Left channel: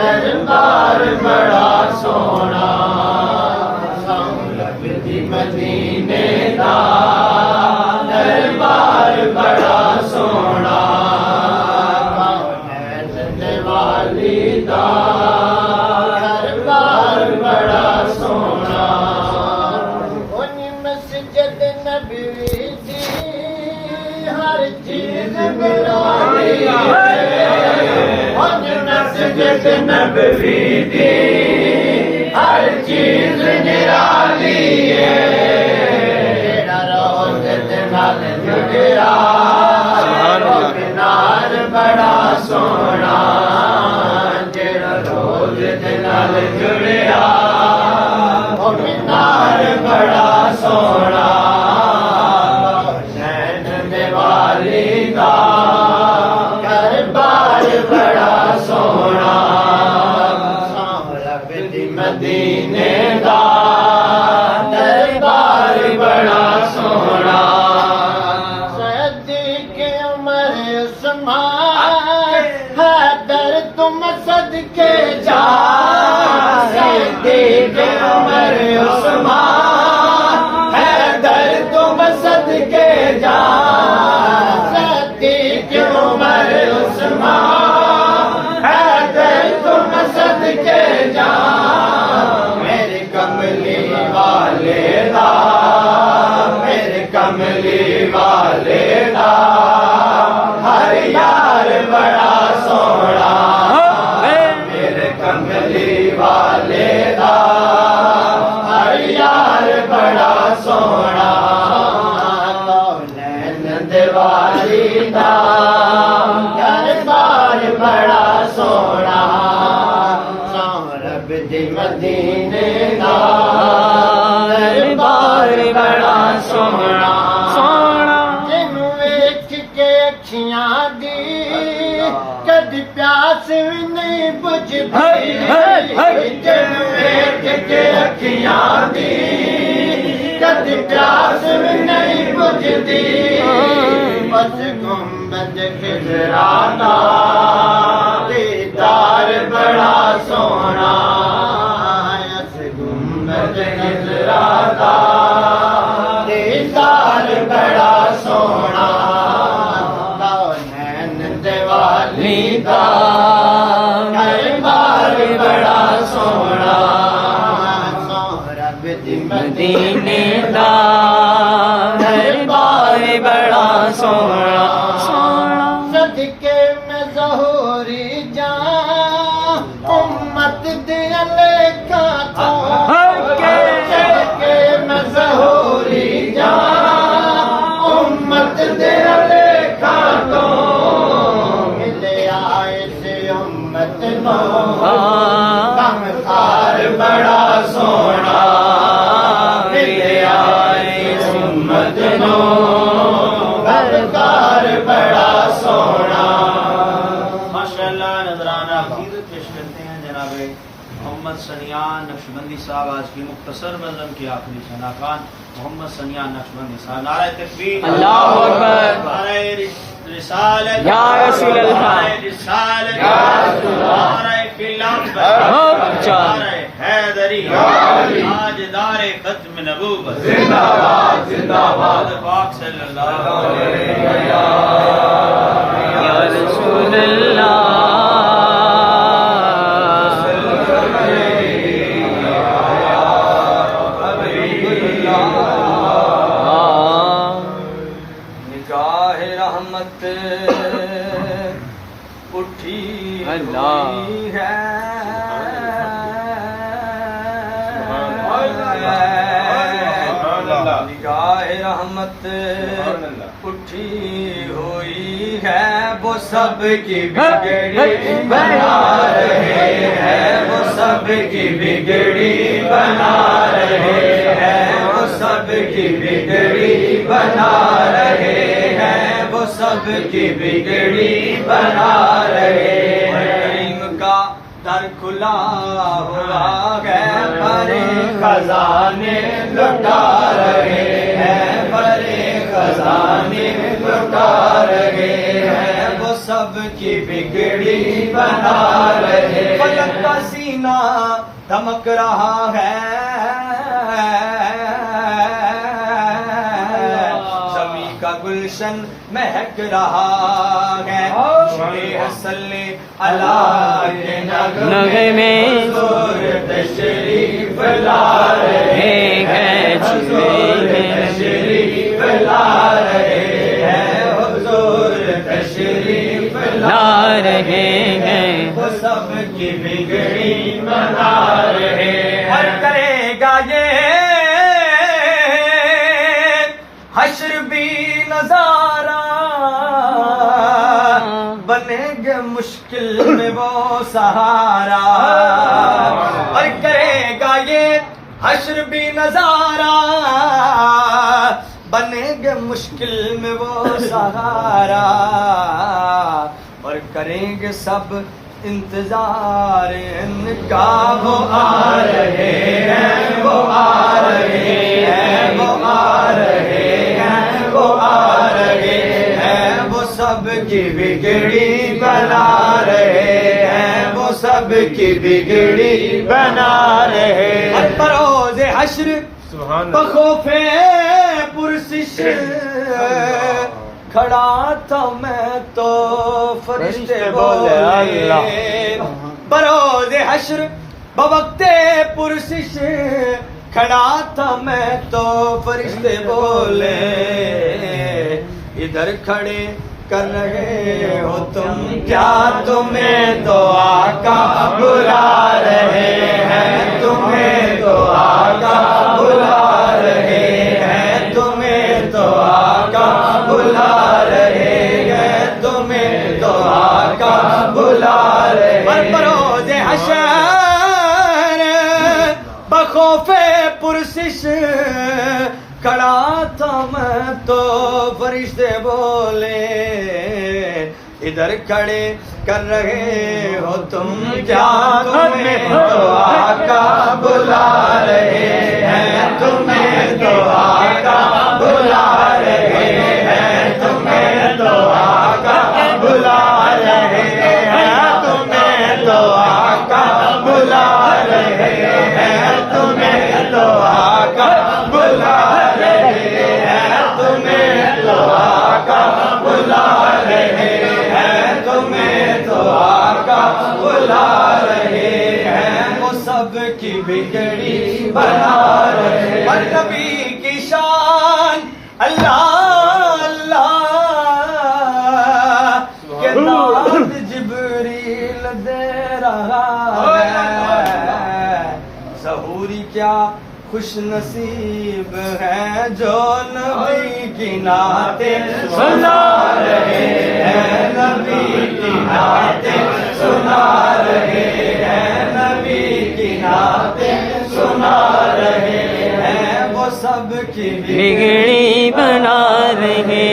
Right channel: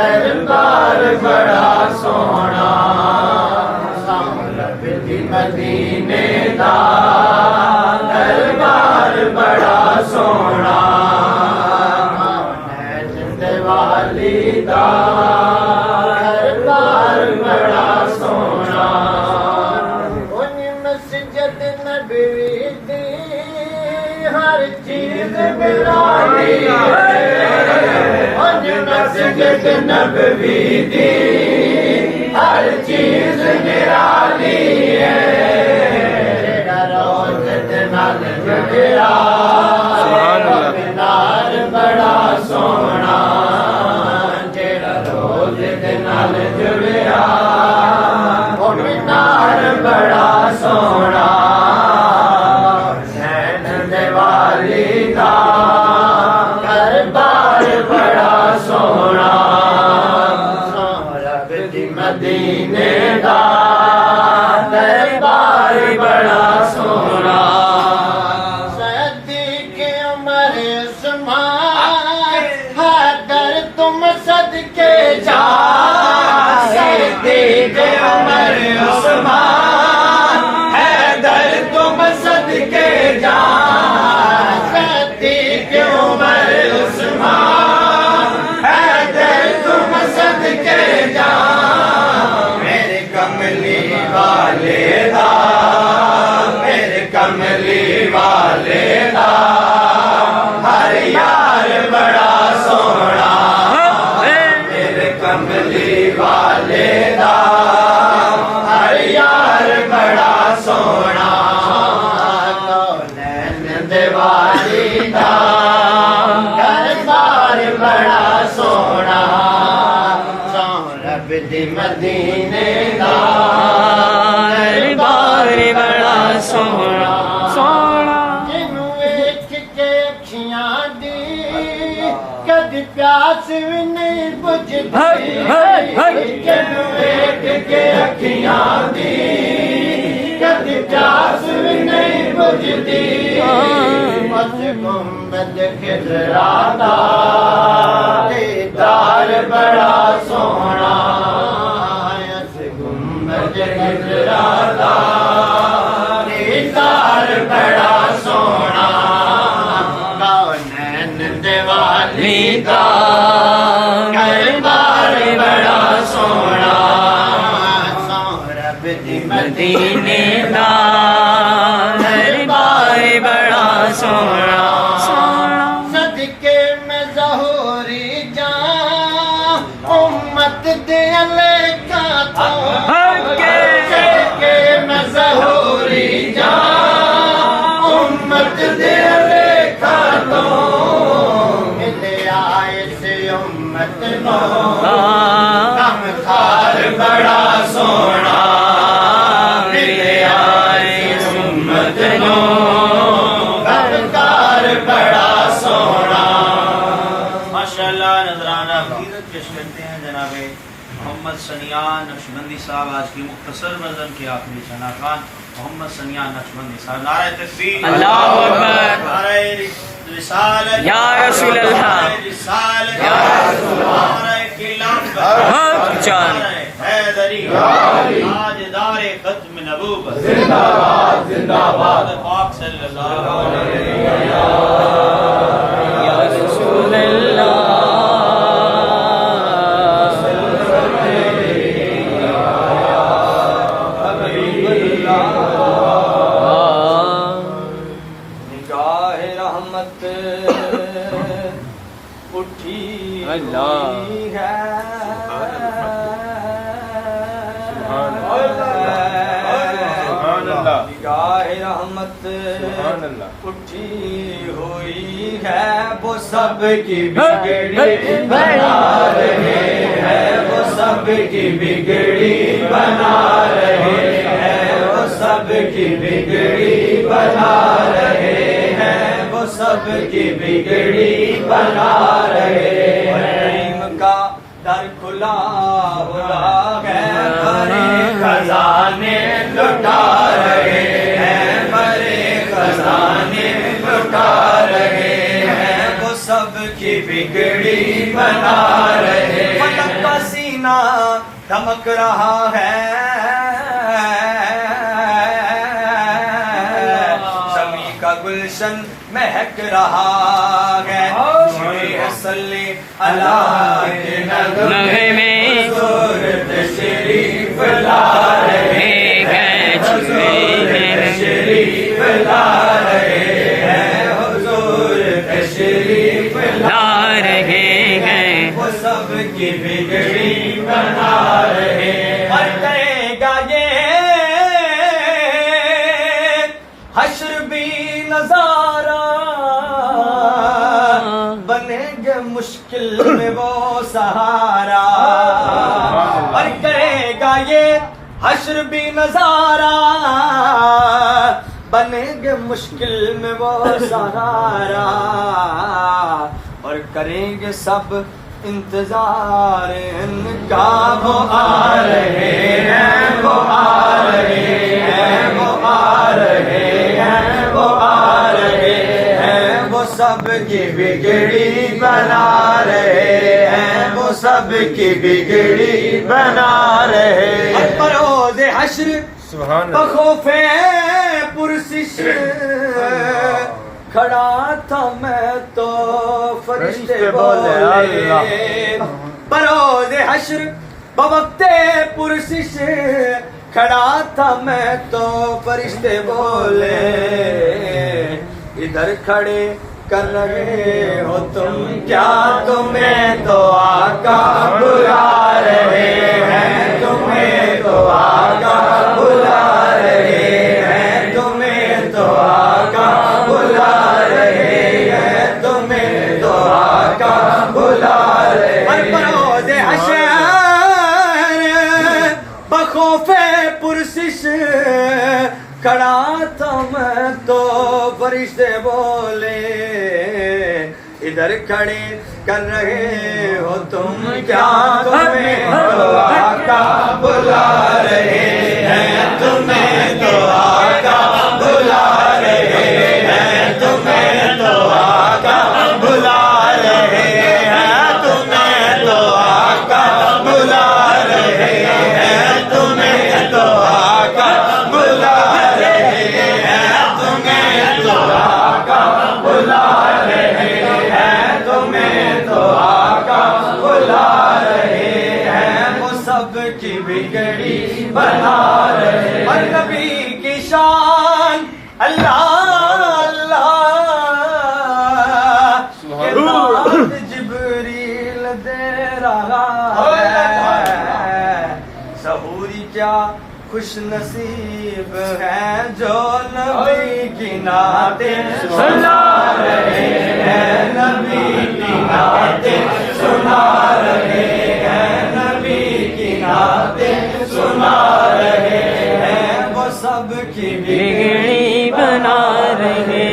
دربار بڑا سونا سولب دی مدینے دا دربار بڑا سونا والی دا دربار بڑا سونا ان مسجد نبوی دی ہر چیز نرالی مسجد نبوی دی ہر چیز نرالی ہے روز نال جڑیا مینار بڑا سونا جڑا روز نال جڑیا وہ مینار بڑا سونا حسین دیوالی دا دربار بڑا سونا سولب دی مدینے دا دربار بڑا سونا صدیق عمر عثمان حیدر تم صدقے جا صدیق عمر عثمان حیدر تم صدقے جا صدیق عمر عثمان حیدر تم صدقے جا میرے کملی والے دا میرے کملی والے دا ہر یار بڑا سونا میرے کملی والے دا ہر یار بڑا سونا کونین دیوالی دا دربار بڑا سونا سولب دی مدینے دا دربار بڑا سونا سونا جنوں ویکھ کے اکھیاں دی کدی پیاس وی نہیں بجھدی جنوں ویکھ کے اکھیاں دی کدی پیاس وی نہیں بجھدی بس گنبد خضرا دا دیدار بڑا سونا اس گنبد خضرا دا دیدار بڑا سونا کونین دیوالی دا دربار بڑا سونا سولب دی مدینے دا دربار بڑا سونا صدقے میں ظہوری جان امت دے علیکہ تو صدقے میں ظہوری جان امت دے علیکہ تو ملے آئے سے امت نو کم خار بڑا سونا ملے آئے سے امت نو دربار بڑا سونا ماشاءاللہ نذرانہ عقیدت پیش کرتے ہیں جناب محمد سنیان نقشبندی صاحب آج کی مختصر نظم کی آخری ثنا خوان محمد سنیان نقشبندی صاحب نعرہ تکبیر اللہ اکبر نعرہ رسالت یا رسول اللہ نعرہ رسالت یا رسول اللہ نعرہ کلام نعرہ حیدری تاجدار ختم نبوت زندہ باد زندہ باد پاک صلی اللہ علیہ وسلم یا رسول اللہ نگاہ رحمت اٹھی ہوئی ہے نگاہ رحمت اٹھی ہوئی ہے وہ سب کی بگڑی بنا رہے ہیں وہ سب کی بگڑی بنا رہے ہیں وہ سب کی بگڑی بنا رہے ہیں وہ سب کی بگڑی بنا رہے ہیں کریم کا در کھلا ہوا ہے بڑے خزانے لٹا رہے ہیں بڑے خزانے لٹا رہے ہیں وہ سب کی بگڑی بنا رہے فلک کا سینہ دمک رہا ہے، زمین کا گلشن مہک رہا ہے، صلی اللہ کے نغمے میں حضور تشریف لا رہے ہیں، حضور تشریف لا رہے ہیں، حضور تشریف لا رہے ہیں، وہ سب کی بگڑی بنا رہے ہیں۔ اور کرے گا یہ حشر بھی نظارہ، بنے گے مشکل میں وہ سہارا، اور کرے گا یہ حشر بھی نظارہ، بنے گے مشکل میں وہ سہارا، اور کریں گے سب انتظار ان کا، وہ آ رہے ہیں، وہ آ رہے ہیں، وہ آ رہے ہیں، وہ آ رہے ہیں، وہ سب کی بگڑی بنا رہے ہیں، وہ سب کی بگڑی بنا رہے ہیں۔ بروز حشر بخوف پرسش کھڑا تھا میں تو فرشتے بولے اللہ، بروز حشر بوقت پرسش کھڑا تھا میں تو فرشتے بولے، ادھر کھڑے کر رہے ہو تم کیا، تمہیں تو آقا بلا رہے ہیں، تمہیں تو آقا بلا رہے ہیں، تمہیں تو آقا بلا رہے ہیں، تمہیں تو آقا بلا رہے ہیں۔ بروز حشر بخوف پرسش کھڑا تھا میں تو فرشتے بولے، ادھر کھڑے کر رہے ہو تم کیا، تمہیں تو آقا بلا رہے ہیں، تمہیں تو آقا بلا رہے ہیں، تمہیں تو آقا بلا رہے ہیں، تمہیں تو آقا بلا رہے ہیں، تمہیں تو آقا بلا رہے ہیں، تمہیں تو آقا بلا رہے ہیں، تمہیں تو آقا بلا رہے ہیں، وہ سب کی بگڑی بنا رہے ہیں۔ اور نبی کی شان اللہ اللہ کے نام جبریل دے رہا ہے، ظہوری کیا خوش نصیب ہے جو نبی کی نعتیں سنا رہے ہیں، نبی کی نعتیں سنا رہے ہیں، نبی کی نعتیں سنا رہے ہیں، وہ سب کی بگڑی بنا رہے